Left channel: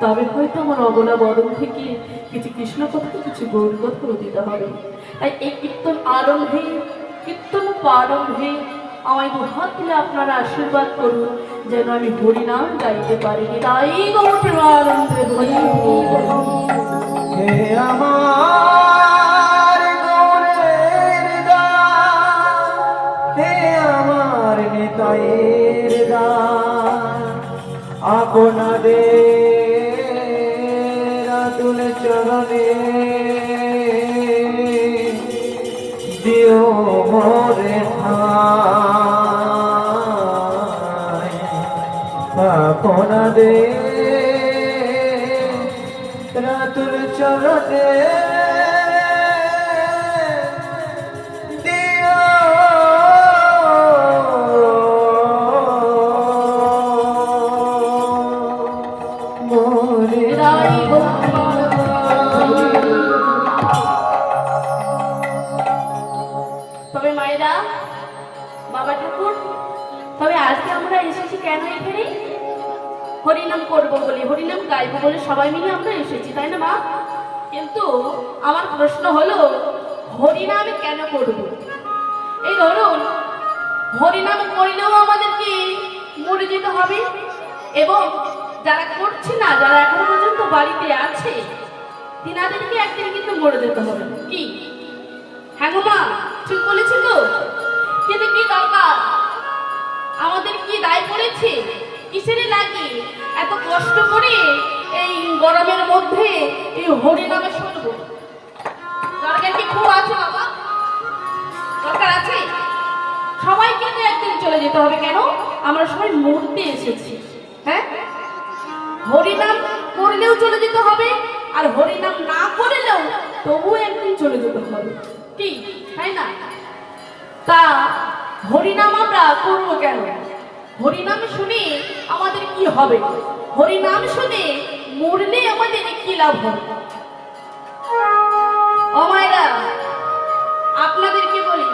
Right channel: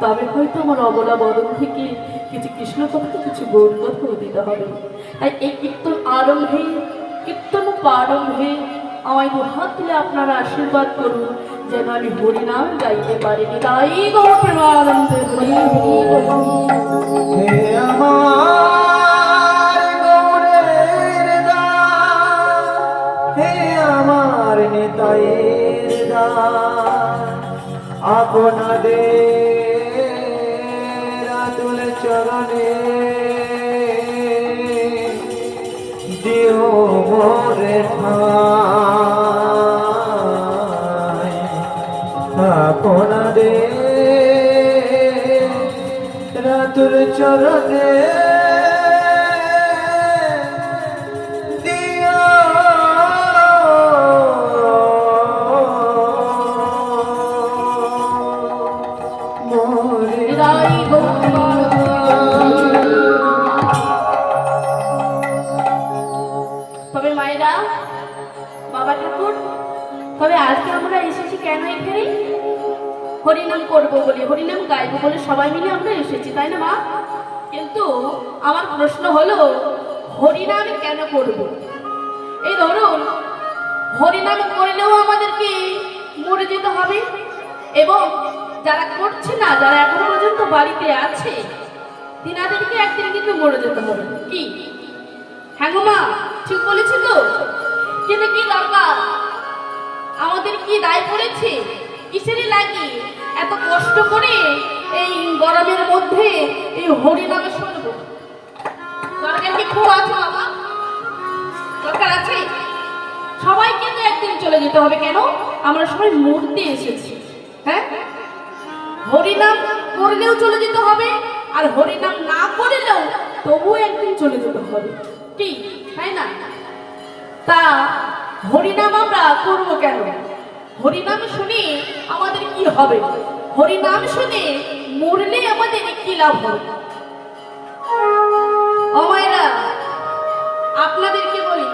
তবে হয়তো আমার অবলা বদন থেকে কিছু কৃষ্ণ কথা কিছু গৌর কথা দিতে হবে। তাই এই কীর্তন আরম্ভে কীর্তন প্রারম্ভে আমায় দুহাত তুলে আপনারা আশীর্বাদ করুন যেন আমি হরিনাম গাইতে পারি। তাই গৌর প্রেমানন্দে হরি হে আমার গৌরের দাস, হে আমার নিতাইয়ের দাস, আপনাদের আতুল চরণে দিও মোরে ঠাঁই। আপনাদের রাতুল চরণে দিও মোরে হৃদয় তবে মায়েরা, বাবা ঠাকুর, তবে আজকে আমরা এসেছি কেন এখানে? হরিনাম করবো বলে, হরিনাম গাইবো বলে সবাই মিলে আমরা এসেছি, তাই না মা? কিন্তু আমার প্রশ্ন হলো, হরিনাম কেন করব? এই ধরুন, হরিনাম করলেও আমাদেরকে মরে যেতে হবে, এবং যারা করছে না, যারা এখন পর্যন্ত বাড়িতে আছে, তিনাদেরকে একদিন কিন্তু মরে যেতে হবে। কি হ্যাঁ গো মা, ঠিক বলেছি তো? কিন্তু কি দরকার, আমাদের কি দায় পড়েছে? কিসের লাগে এত কষ্ট করে এই গরমের মধ্যে এই হরিনামে শুনবো? দরকার কি খুব আছে বাবা? দরকার আছে? সবাই কিন্তু একদিন চলে যেতে হবে। কেন? আমরা সবাই মরতে এসেছি। হ্যাঁ, হরিনাম করলেও চলে যেতে হবে, আর হরিনাম না করলেও তবুও একদিন চলে যেতে হবে। কি তাই না? তা হরিনাম আমরা করবো কেন? হরিনাম শুনে আমাদের কি হবে? হরিনাম শুনে মরলে আমাদের কি লাভ হবে? ও মায়েরা, আপনাদেরকে বলি,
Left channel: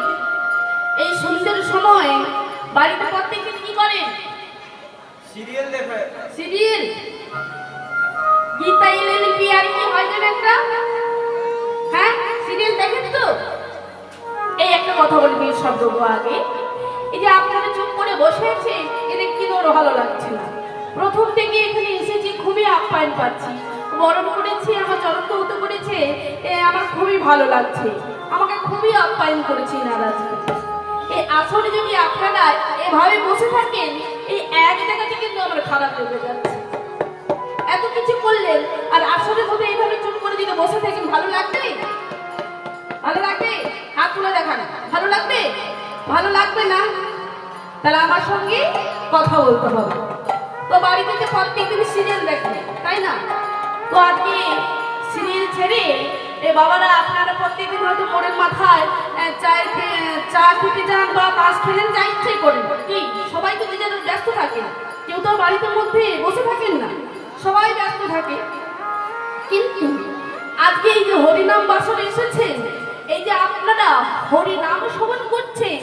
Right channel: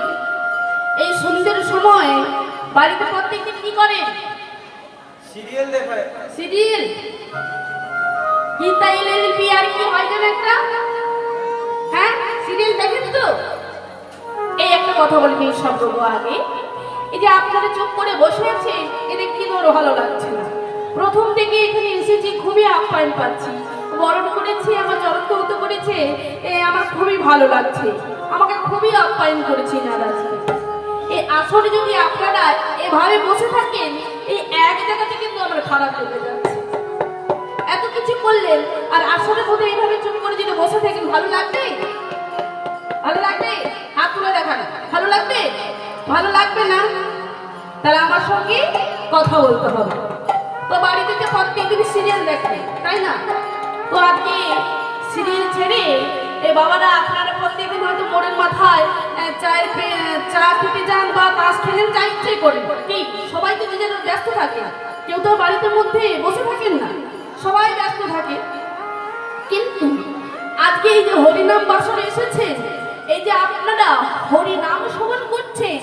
এই সন্ধ্যের সময় বাড়িতে প্রত্যেকে কি করেন? সিরিয়াল দেখে। সিরিয়াল? গীতা এলএলবি আর কি হয় যেন একটা? হ্যাঁ, সিরিয়াল দেখেন তো? এই একটা কথা বলি মেয়ের শব্দ আগে, এই যে আপনারা চুপ করে বসে আছে, এটা কি ধরো ভালো লাগছে না। প্রথম থেকে এখানে এসেছি, খুবই আপ্যায়ন পাচ্ছি, বরণ করেছি, আমার জড়ন্ত হতে করেছে, আমার খুবই ভালো লাগছে, আমাকে খুবই আপ্যায়ন করেছে আজকে। এই আসলে যদি আপনারা এভাবে বসে থাকেন, এই এক জায়গাতে কিন্তু আমার খারাপ লেগে যাচ্ছে। এত কিছু করলেন, আর আসলে মধ্যে এইভাবে চুপ করে যদি বসে থাকেন, ভালো লাগবে? ভালো লাগবে? হাত তুলে দেখান। ভালো লাগবে? ভালো লাগবে না? তাহলে আমার সঙ্গে কথা বলতে হবে। তো বাড়িতে যে প্রত্যেকদিন সিরিয়াল দেখবে, তাই না? তো আজকে সিরিয়াল ছেড়ে এই বাবারা আপনারা প্রত্যেকদিন হয়তো মোড়ের মাথায় চা খেতে যান বা তাস খেলেন, যা ইচ্ছে করেন। কি সবাই তো নিজের ব্যস্ত থাকে, কেউ তো বাড়িতে মধ্যে বসে থাকেন না, সবাই ব্যস্ত থাকে। কিন্তু আজকে এই যে হরিনাম বাসন এসেছে, এই যে আপনারা হরিনাম শ্রবণ করছেন,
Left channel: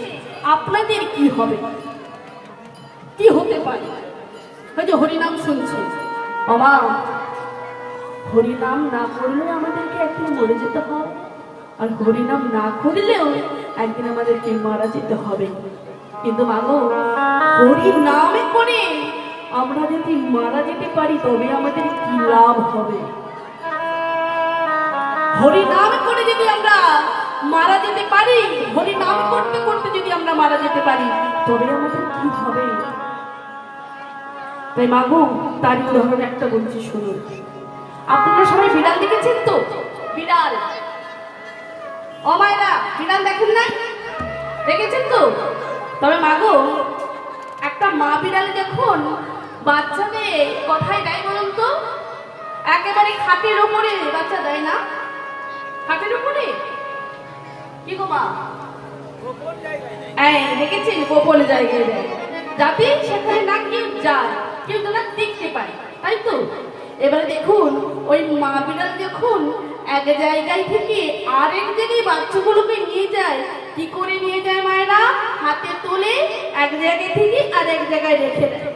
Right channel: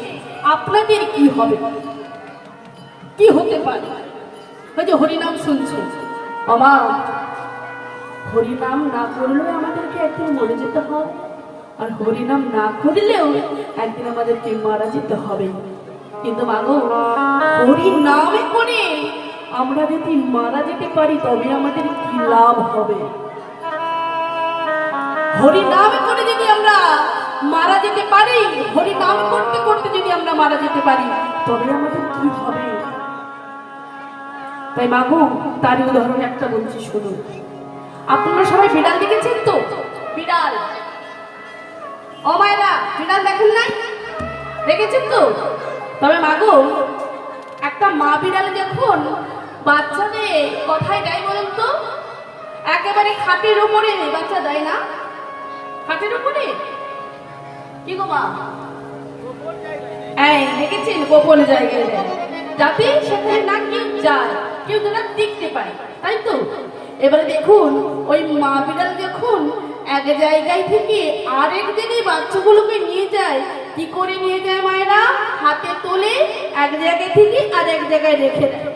আপনাদের কি হবে? কি হতে পারে? ওই যে হরিনাম শুনছেন, মামা, হরিনাম না করলেও আমাদেরকে একদিন মরে যেতে হবে, আর হরিনাম না করলেও একদিন আমাদেরকে মারা যেতে হবে। কিন্তু মাগো, হরিনামে করে আমরা যদি মারা যেতে পারি, তবে আমাদের কি লাভ হবে? হরিনাম করে যদি আমরা মারা যেতে পারি, হরিনাম করতে করতে যদি আমরা মারা যেতে পারি, তবে আমাদের কি হবে? তাই মাগো, তারই উদাহরণ একটা বলছি, শুনুন। আপনারা সবাই বিড়াল দেখেছেন তো? বিড়াল, ও মায়েরা, বিড়াল দেখেন না? দেখেছেন তো? তবে মাগো, একটা মা বিড়াল যখন বাচ্চাদের কথায় দেয় বলুন তো, একেবারে খাটের উপরে বাচ্চা দেয় না? খাটের উপরে কি গো মা? এই দেখেছেন, গোপন জায়গায় দেয়, যাতে সেখানে না কেউ যায়, কেউ যেন দেখতে পায়, তাই তো? এবারে দেখুন, ওই মা বিড়াল যখন এক জায়গায় থেকে আরেক জায়গায় বাচ্চাগুলোকে নিয়ে যায়, কি করে নিয়ে যায় মায়েরা? হাতে তোলে, এক জায়গায় থেকে আর এক জায়গায় রেখে দেয়।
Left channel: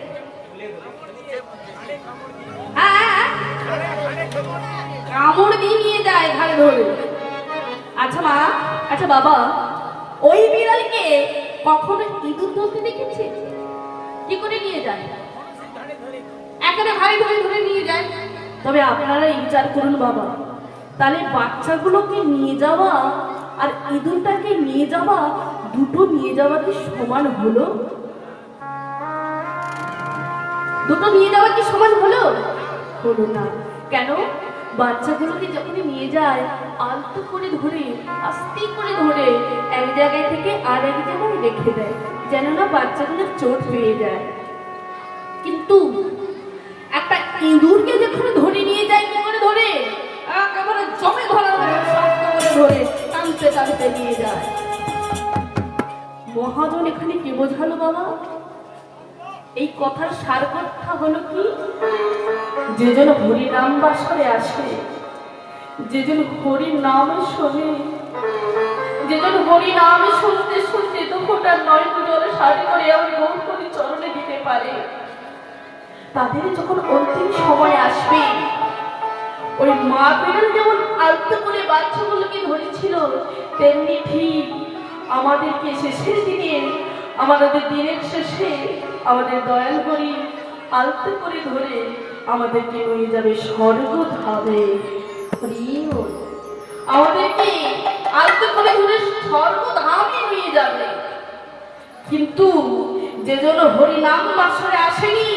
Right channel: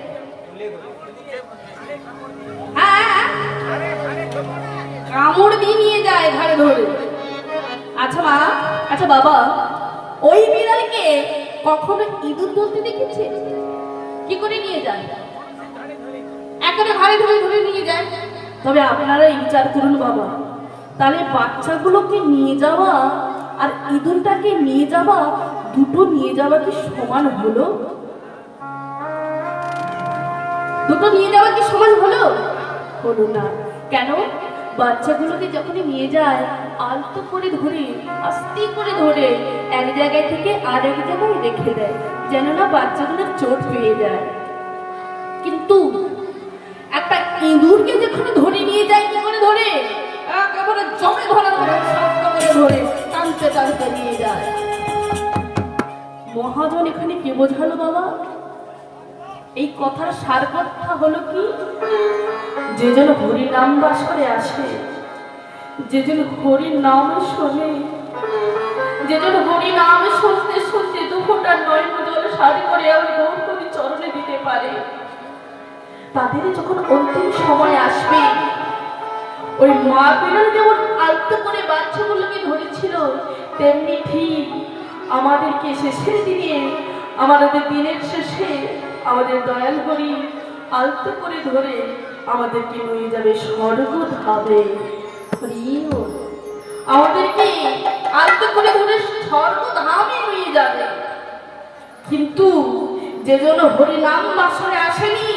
হ্যাঁ, যায় ঘাড়ে ধরে। আচ্ছা মা, আচ্ছা বাবা, ওই বিড়ালকে কখনো ইঁদুর ধরতে দেখেছে? কি করে নিয়ে যায়? একেবারে ঘাড়ে ধরে ধরে নিয়ে যায়। তবে আপনারা বিচার করুন বাবা, তাহলে বাচ্চাগুলোকে নিয়ে যাওয়া আর ইঁদুরটাকে নিয়ে যাওয়া, দুটো নিয়ে যাওয়া কি সমান হলো? দুটো নিয়ে যাওয়া কি সমান হলো? হলো না। কেন? বাচ্চাগুলোকে যখনই নিয়ে যায় আলতো করে ধরে, আস্তে করে ধরে এক জায়গায় থেকে আর এক জায়গায় রেখে দেয়, যেন না বাচ্চাগুলোর চোট পেয়ে যায়। কিন্তু একটা ইঁদুরকে যখন ধরে নিয়ে যায়, কি করে ধরে? একেবারে জমে ধরা ধরে, শক্ত করে ধরে টানতে টানতে নিয়ে যায়। মহাজন এখানে কি বোঝালো বাবা? এই কথার সার কথা হলো কি, যে যেন হরি নাম বাসরে আসে, যে যেন হরি নাম শোনে, যে যেন হরি নাম শুনতে শুনতে দুঃখটার নয়ন জলে সারি করে আমার গৌরী চরণে দিতে পারে, তাদের যখন অন্তিম সময় আসবে, ওই মা বিড়াল যেমন আলতো করে বাচ্চাগুলোকে ধরেছিল, তেমনি ঠিক আমাদেরকে শেষের দিনে, আমাদের দিনের শেষে আমাদের দয়াল হরি আলতো করে ধরে আমাদেরকে নিয়ে যাবে স্বর্গ ধামে। আমাদেরকে আলতো করে ধরে স্বর্গ ধামে নিয়ে যাবে। কিন্তু যে জন্য হরি নাম বাসরে আসেনি,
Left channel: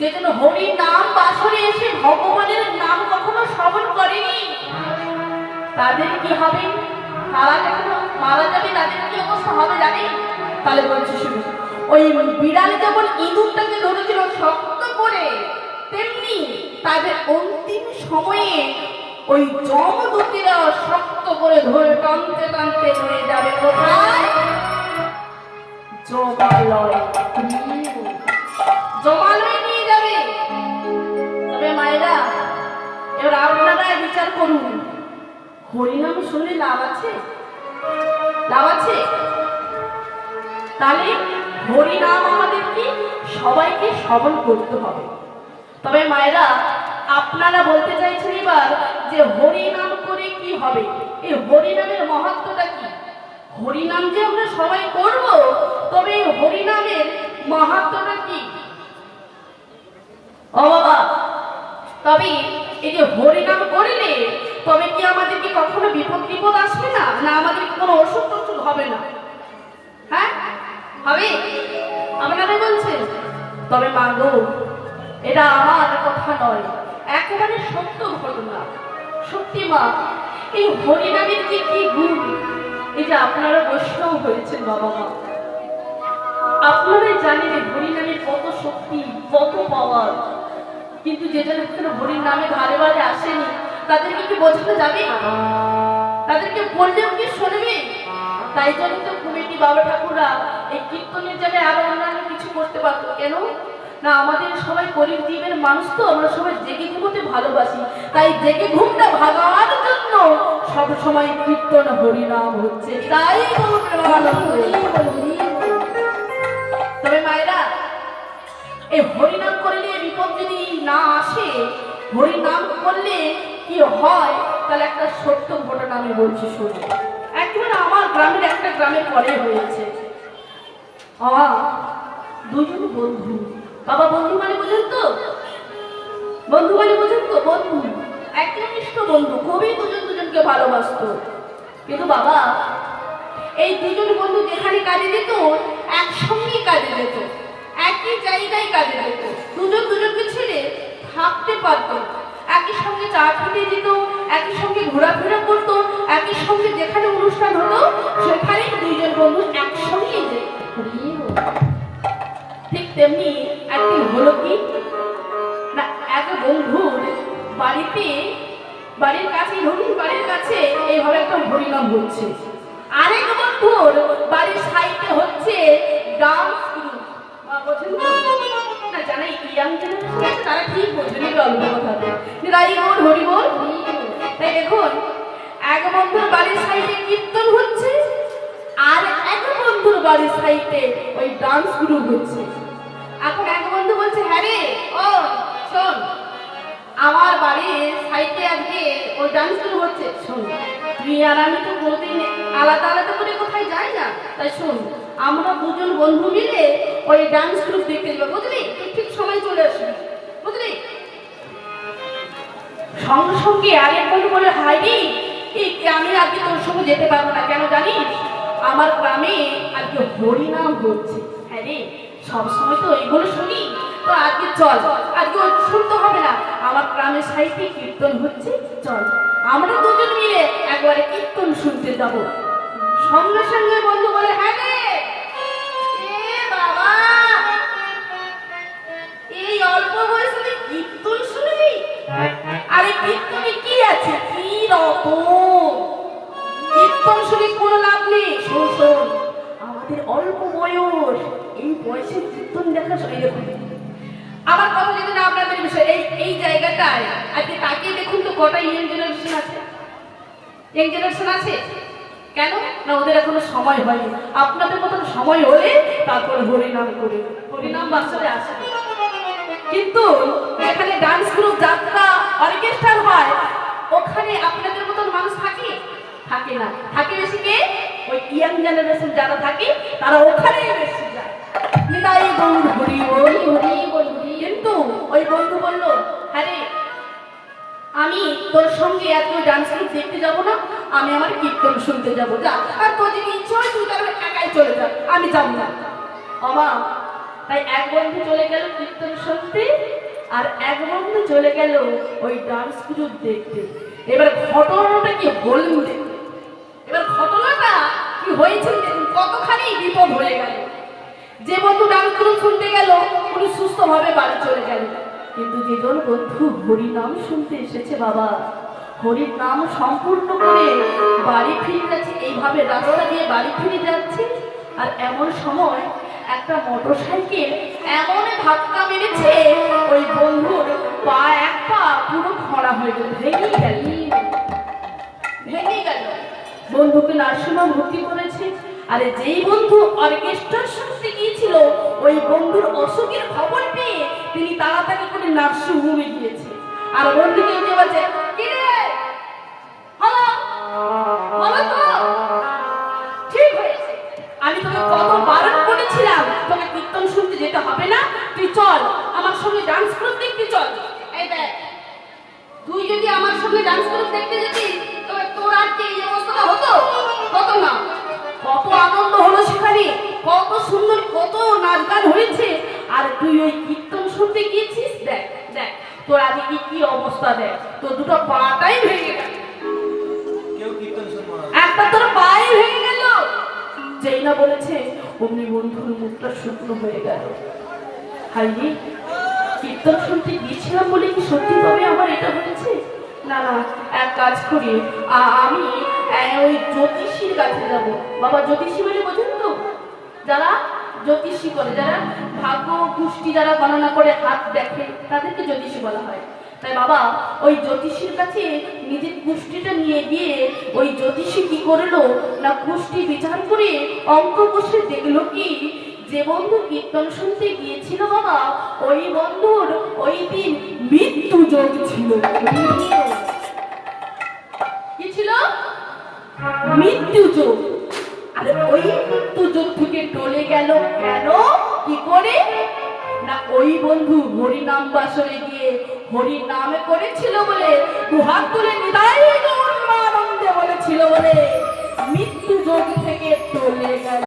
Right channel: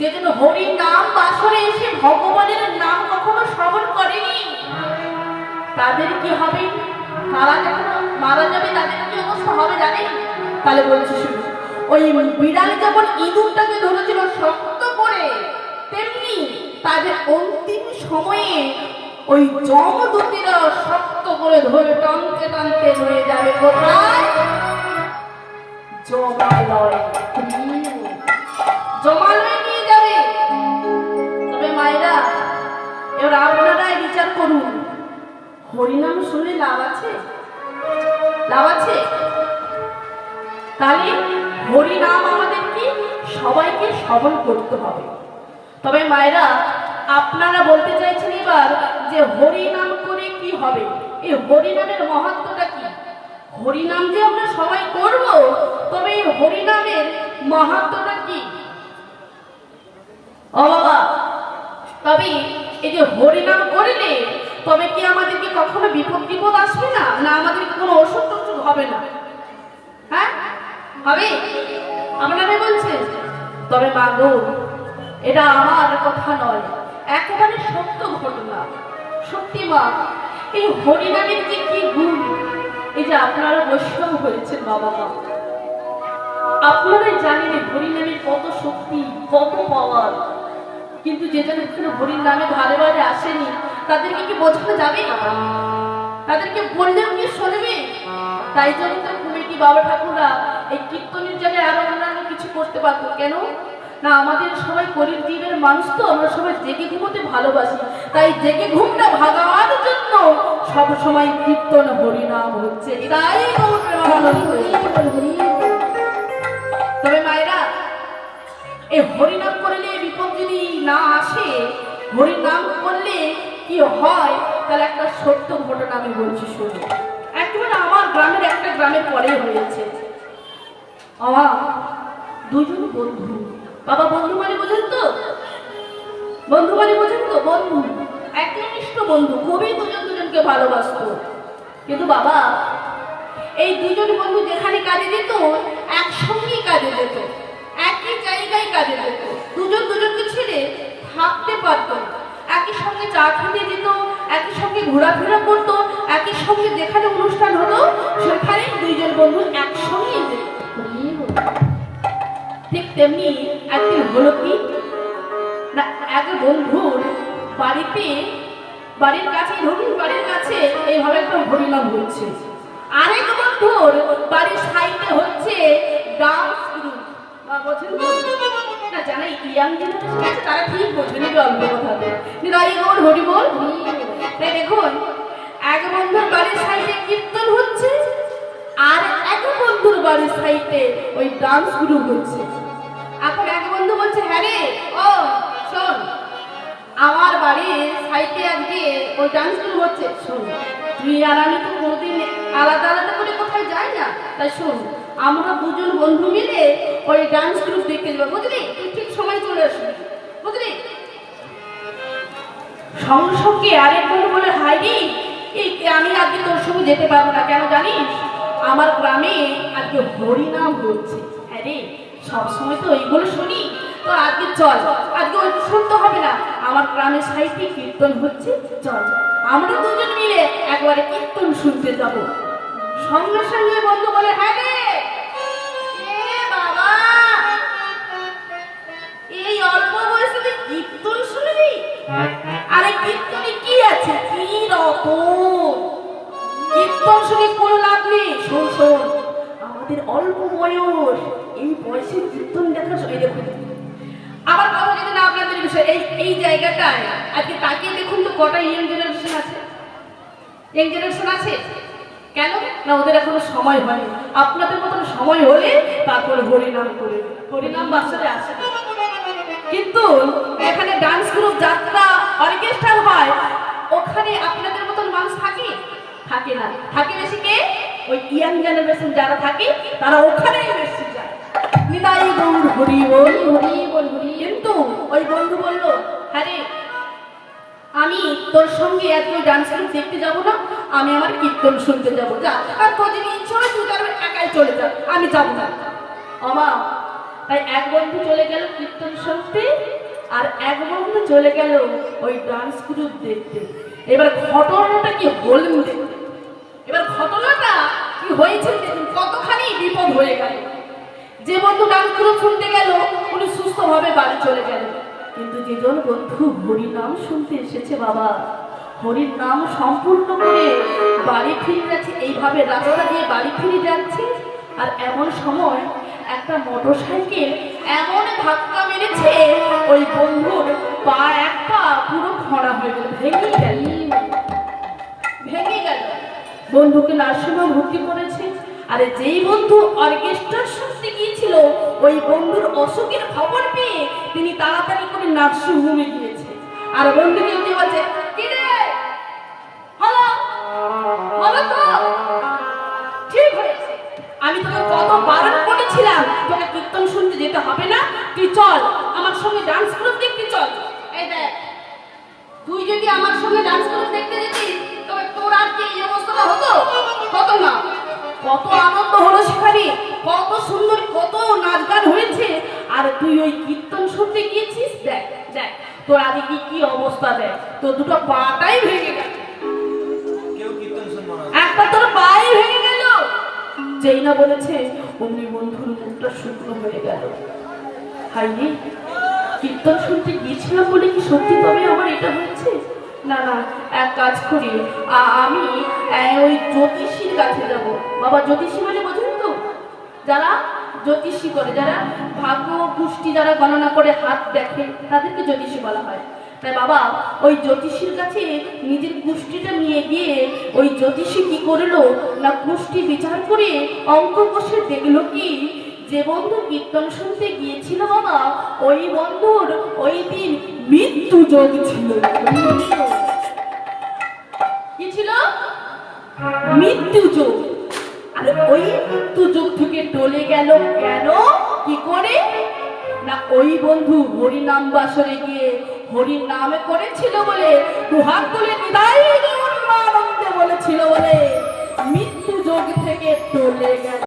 যে জন্য হরি নাম বাসরে এসে ভগবানের নাম কখনো শ্রবণ করেনি, তাদের কি হবে? তারা যখন মারা যাবে তাদের কি অবস্থা হবে জানেন? তাহলে বলছি শুনুন, ওই বিড়াল যেমন ইঁদুরটাকে ধরেছিল শক্ত করে, তেমনি তাদের অন্তিম সময়ে ওই যমদূতেরা শক্ত করে ধরে টানতে টানতে নিয়ে যাবে কোথায়? জমালয়। জমালয় নিয়ে যাবে। তবে মায়েরা, এবার আপনারাই বিচার করুন, হরিনাম শুনলে লাভ আছে? লাভ আছে? তাহলে হরিনাম আমাদেরকে সবাইকে শ্রবণ করতে হবে। তবে মায়েরা, আপনারা বলতে চাইছেন এবার যে হরিনাম করে কি হবে? এই হরিনামের মহত্বটা কি? হরিনাম যে আমরা সবাই করব, তবে এই হরিনামের মহত্বটা কি? ও বাবা, তবে এই যে হরিনাম করলে তবে কি আমাদেরকে কখনো বিপদ আসবে না? না আমাদের কোনো অসুখ টসুখ হবে না? হ্যাঁ হবে? আপনারা বলছেন। তবে মাগো, এটা আমার কথা নয়, একেবারে সত্য ঘটনা। সত্যি মা, এই হরিনামের যে কি গুণ, এই যে আপনারা বৈষ্ণব হয়েছেন বাবা মা, আপনারাই জানেন এই হরিনামের কত শক্তি, কত পাওয়ার। কিন্তু যে যেন হরির নামে ধারে বারে আসেনি, তাদেরকে কি বোঝানো যাবে? তাদেরকে বললেও কি শুনবে? তাই জন্য তো কমিটি বাবা ঠাকুররা এই কীর্তনের জায়গায় আরো অন্যান্য কিছু করতে পারতো। কেন না, আমাদের সবাই গরিব জীবের মানুষ, তো আমরা সবাই জেগে ঘুমোতে ভালোবাসি, তাই জেগে ঘুমটা ভাগাবার জন্য সব সময় কীর্তন হরিনাম হচ্ছে। তাই তবে মায়েরা, এই হরিনাম করলে বিপদ যদি না আসে, হরিনাম করলে কি হয়, তাহলে একটা সত্য ঘটনা আমি বলছি শুনে। একেবারে আমার গ্রামের একটা গ্রামের পরে হয়েছে। দুজন বন্ধু, বাবা বন্ধু মানে বোঝেন তো? বন্ধু মানে বোঝেন তো? বন্ধু, একনিষ্ঠ বন্ধু, খুবই দুজন দুজনকে ভালোবাসতো। কিন্তু বাবা, এই দুজন বন্ধু যেখানে কাজে যেত, একসঙ্গে কাজে যেত, একই জায়গায় কাজে যেত, দুজন দুজনকে ছেড়ে থাকতে পারত না। একই সঙ্গে চা খেতে যেত, একই সঙ্গে ঘোরাফেরা করতো, একই সঙ্গে যেখানে অনুষ্ঠান হতো সেখানে দুইজন বন্ধু একসঙ্গে যেত। ঠিক তেমনি একদিন হলো কি না, এক বন্ধুর বাড়িতে, বাড়ির কাছে, রঙিন বাড়ির কাছে এইভাবে একটা হরিনাম হচ্ছে। আরেক বন্ধুর বাড়ির সাইডে হচ্ছে ডান্স গ্রুপ। না জানে ইয়াং জেনারেশন, তারা ঠিক বলবে না, অল্প কথা হরি বল। তাই দেখুন, এক বন্ধুর বাড়ির সাইডে কীর্তন হচ্ছে, আর এক বন্ধুর বাড়ির সাইডে ওই ডান্স গ্রুপ হচ্ছে। এখন এক বন্ধু বলছে, হ্যাঁ রে, ও শোন, আমার বাড়ির সাইডে আজকে ওই ডান্স শুরু হচ্ছে। শোন, তুই আর আমি তো কোনোদিন আলাদা আলাদা করে কোথায় যাই না। তাই শোন, আমরা দুজন বন্ধু মিলে ওই ডান্স গ্রুপ দেখতে যাবো, বুঝলি? তুই ঠিক সময় চলে আসবি, বুঝলি? সঙ্গে সঙ্গে আরেক বন্ধু বলে, হাই রে, এই গ্রামে আজকে তোর সঙ্গে যেতে পারবো না, কেন জানিস? আমার গ্রামে আজকে হরিনাম হচ্ছে। হ্যাঁ রে, সবসময় তো এইগুলো শুনি, তো আজকে চল, আজকে ওই শুনতে হবে না, আমার গ্রামের সাহিত্যে কীর্তন হচ্ছে, চল আমরা দুজন মিলে একবারে কীর্তন শুনতে যাবো। সঙ্গে সঙ্গে বন্ধু বলে, হ্যাঁ রে, এ বাবা, এই অল্প বয়সে তুই কীর্তন শুনবি? আরে কীর্তনে কি আছে, কি রকম কীর্তন শুনে কোনো লাভ নেই। শোন শোন, আমাদের অল্প বয়স, এই বয়সে কীর্তন দেখার সময় দেখুন। আবার কথা যদি না আপনাদের বিষয়, এই জায়গাটায় আজকে তাকিয়ে দেখুন তো কটা ইয়ং জেনারেশন আছে। ইয়ং জেনারেশন আছে কেন না? ওদের এখনো সময় হয়নি। আপনাদের মতন সময় হলে তারপর হরিনাম করে, হরিনাম বাসরে আসে। কিন্তু এখানে ডান্স গ্রুপ, যাত্রা, অর্কেস্ট্রা হয়, ওখানে আপনাদের মতন মানুষ থাকে? থাকে না। থাকে বেশি কে? ওই ইয়াং জেনারেশন যারা থাকে তারা ওখানেই বেশি যায়। নিতাই গৌর হরি বল, হরি বল, হরি। কিন্তু ওই বন্ধু বলল, হ্যাঁ রে, আমি তোর সঙ্গে এত ডান্স গ্রুপ দেখতে যাবো না, আমি আমার কীর্তন শুনতে যাবো। যা, আর তোর যদি ইচ্ছে হয় তুই তার একাই চলে যা, আমি যাবো না। আমা তাই এক বন্ধু চলে গেল কীর্তন শুনতে, আর এক বন্ধু চলে গেল ওই ডান্স গ্রুপ দেখতে। এবার ঘটনাটা কি বলুন দেখতে। এবার ঘটনাটা কি হয়েছে দেখুন, কতখানি বিপদ হয়ে গেল। যে বন্ধু ডান্স গ্রুপ শুনতে গেল উনি সুস্থভাবে বাড়ি চলে গেল, কিন্তু যেজন বন্ধু হরি নাম শুনতে এসেছে, বাবা হরির নাম সম্পূর্ণ করে বাড়ি ফিরে যাচ্ছে, এইভাবে রাস্তা দিয়ে বাড়ি ফিরে যাচ্ছে, আর এমন সময় একটা মোটরসাইকেল এমন ধাক্কা মেরেছে ওই বন্ধুর পা, এক পা পুরো খড়া হয়ে গেল, ভেঙে গেল, ভেঙে গেল। বন্ধুকে নার্সিংহোমে ভর্তি করেছে। আরে যেই বন্ধু অর্কেস্ট্রা শুনতে গিয়েছিল, ওই বন্ধুর অসুখের খবর পেয়ে তিনি তাড়াতাড়ি করে নার্সিংহোমে গিয়েছে। আর বন্ধুকে উঠে বলছে, কি রে, হ্যালো হ্যালো, তো ঠিক হয়েছে, আমি তোকে কত বারণ করেছিলাম তোকে কীর্তন শুনতে যেতে হবে না, তুই চল আমার সঙ্গে ডান্স গ্রুপ দেখতে চল। এই দেখ, তুই যদি আমার সঙ্গে ডান্স গ্রুপ দেখতে যেতিস তবে তোর আর কি এই অবস্থাটা হতো? হতো না। কত আনন্দ হলো সেখানে, কত সুন্দর, কত নাচ গান হয়েছে, আর তুই ওই কীর্তন শুনতে গিয়েছিস, দেখ দেখ তোর আগে কি কি অবস্থা, দেখ তোর দুটো পাটাই ভেঙে গেল, কেউ কীর্তন শুনবো না, একটা তোর পায়ে ভেঙে গেল। যেই না বলেছে অমনি বন্ধুর মুখটা শুকনো হয়ে গেল। হাই রে, কীর্তন শুনতে গিয়েছিলাম বলে কি সত্যি ভাবে আমার এটা হয়েছে? না না, এক কাজ করি, আমি ওই জ্যোতিষীর কাছে যাব। বাবা জ্যোতিষী মানে বোঝেন তো, যারা জ্যোতিষী করে, যারা ভাগ্য পুষ্টি যারা গণনা করে হাত দেখে, তাদেরকে জ্যোতিষী বলা হয়। তাই বাবা ওই জ্যোতিষীর কাছে নিজের পুষ্টিটা নিয়ে গিয়ে ওই জ্যোতিষী কি করলো না, পুষ্টি বিচার করে অঙ্ক কষে দেখলো কি, যে বন্ধু কীর্তন শুনতে গিয়েছিল বাবা, ওই বন্ধুর ওই দিন মৃত্যু যোগ ছিল। কি ছিল? মৃত্যু যোগ। আর ওই মৃত্যু যোগ থেকে টলে গেল কেন, কি করে না, ওই বন্ধু হরি নাম বাসরে গিয়ে হরি নামে করেছিল বলে দুহাত তুলে নিদাই